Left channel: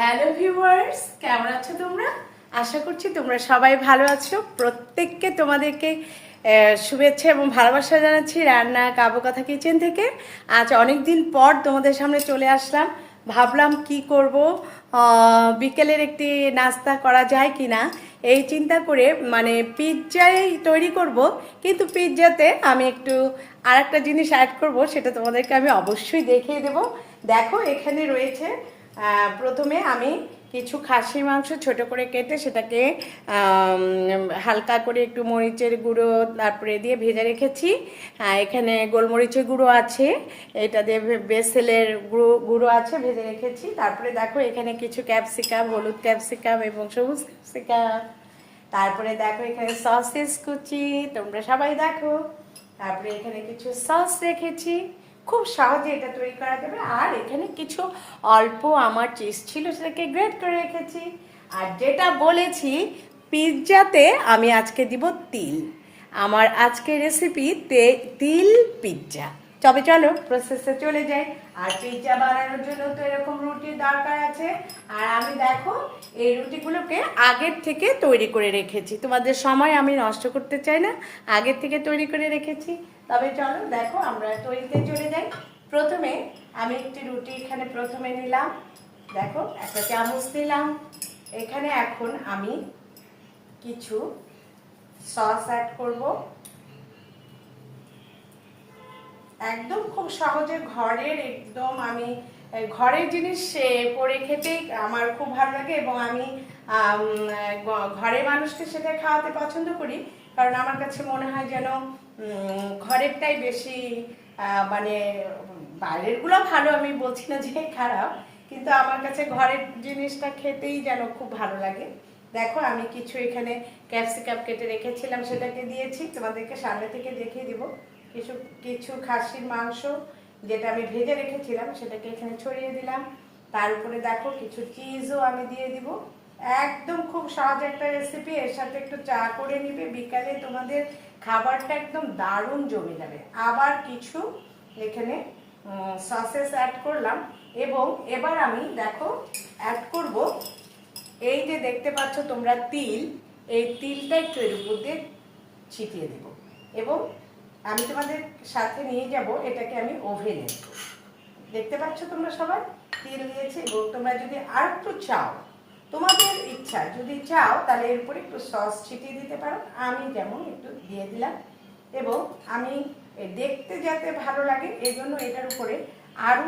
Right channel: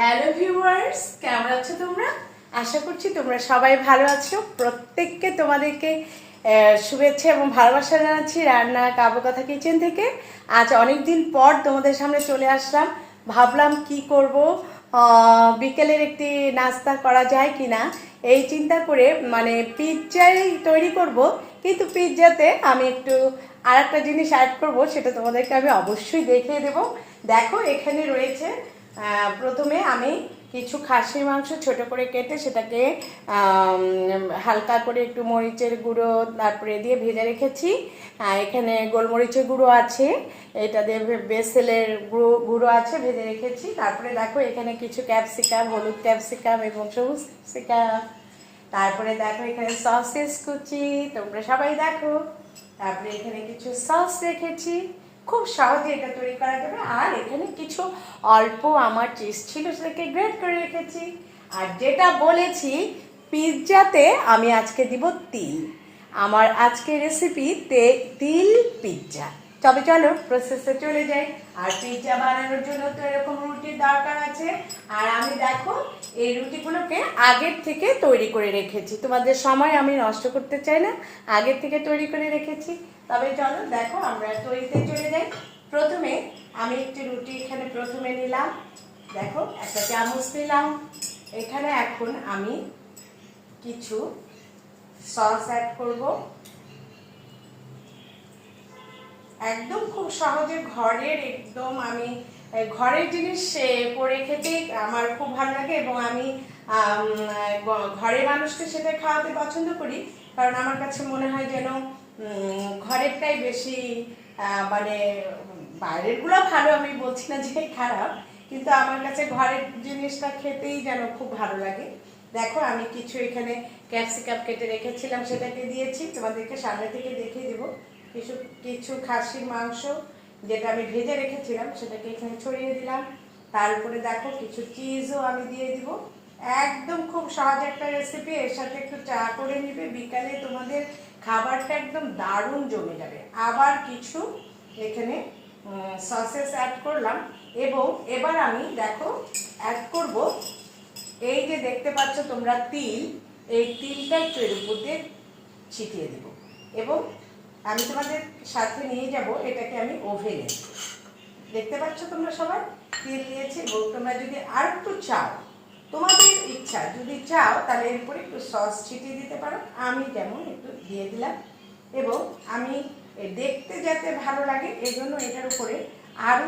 Hello viewers, কেমন আছো তোমরা? আশা করছি তোমরা সবাই ভালো আছো। প্রত্যেককে তোমাদেরকে শুভেচ্ছা এবং ভালোবাসা জানাচ্ছি রান্না কাবু কথা কিচেন থেকে। আজ অনেক দিন পর তোমাদের সামনে চলে আসলাম। ভাবলাম কি করব, বিকেলের একটি নাস্তা করা যায় কিনা এই চিন্তা করে, মানে পিৎজাই তৈরি করব, কিন্তু পিৎজাতে আমি একটু আর একটা জিনিস অ্যাড করব, সেটা তোমাদেরকে আমি অবশ্যই দেখিয়ে দেব। দেখো এখানে রয়েছে, প্রথমে আমি কিছু খাসির মাংস ছোট করে কেটে সেটাকে হালকা করে একটু মরিচের গুঁড়ো তারপরে দিয়ে ভেজে রেখেছি। এখানে গোলমরিচের গুঁড়ো আছে, এটা দিয়ে বেসেলের গুঁড়ো আছে, ভেজে রেখেছি। তারপরে দেখো এখানে কিছু ক্যাপসিকাম, হলুদ ক্যাপসিকাম এবং সবুজ ক্যাপসিকাম। তারপরে দেখো এখানে সসেস কুচি, তোমরা সবাই দেখো। তারপরে এখানে কিছু সস রেখেছি, খুব সহজে এটা তৈরি করা যাবে। আর এখানে কিছু অল্প আমার চিজ ছিল, সেটাকে গ্রেট করে রেখেছি। আর যেটা বলেছি, পিৎজাতে আমি আজকে দিব তিল। আমার আজকে রেসিপি তিল পিৎজা। তবে চলো প্রসেসে চলে যাই। আর পিৎজা বানানোর জন্য তো এরকম রুটির দরকার আছে। আর আমি দেখো এই রুটিগুলোকে আগের থেকে তৈরি করে রেখেছি, তোমাদের সময় আমি নষ্ট করতে চাই না, আগের থেকে তৈরি করে রেখেছি। তবে চলো দেখো আমরা তৈরিতে চলে যাই। প্রথমে আমি একটি রুটি এখানে প্রথমে নিলাম, দেখো একটা চামচ নিলাম। এখানে এখন আমি কিছু সস অ্যাড করব। একদম খুব সহজে ঘরের, একদম আমি ঘরের জিনিস করে খেতে আমার খুব ভালো লাগে এবং আমি ঘরের মানুষকে সেটা খাওয়াতে পছন্দ করি। কারণ আমার কাছে মনে হয় যেন ঘরেরটাই বেশি, মানে বাইরেরগুলো ভালো, আমি বলছি না যে খারাপ, কিন্তু আমার কাছে ঘরের জিনিসটা খেতেই যেন খুব ভালো লাগে। দেখো আমি কিছু এখানে ক্যাপসিকাম কেটে রেখেছিলাম, সেটাকে দিয়েছি, তোমাদেরকে সামনে থেকে দেখিয়ে দিব। কিছু কিছু খাসির মাংস যেটা আমি ভেজে রেখেছিলাম সেটাকে এখানে ছড়িয়ে দিলাম। তার উপরে দেখো কিছু চিজও আমি দিয়ে দিব। একদম খুব সহজ একটা রেসিপি, এর সাথে একটু চা করে নিবে, বিকালে তোমাদের খাবারটা একদম দারুণ জমে যাবে। আবার কিছু এখানে সসেস অ্যাড করলাম এবং এবার আমি দেখো অ্যাড করব এই যে দেখতে পাচ্ছ তোমরা তিল, এই তিলটা একটু এর উপর দিয়ে ছিটিয়ে দেব এবং আমি তোমাদের সাথে নিয়ে যাব এটাকে আমি ওভেনে। দেখতে পাচ্ছ তোমরা সবাই তিল দিয়েছি এবং তোমরা যদি আর একটু চাও, তোমাদের ইচ্ছা, যদি চাও তাহলে এর উপরে একটু সস ছিটিয়ে দিতে পারো, আমি যেমন একটু দিয়ে দিলাম। এবং আমি দেখতে যাতে ভালো লাগে এই জন্য এটার উপরে আরও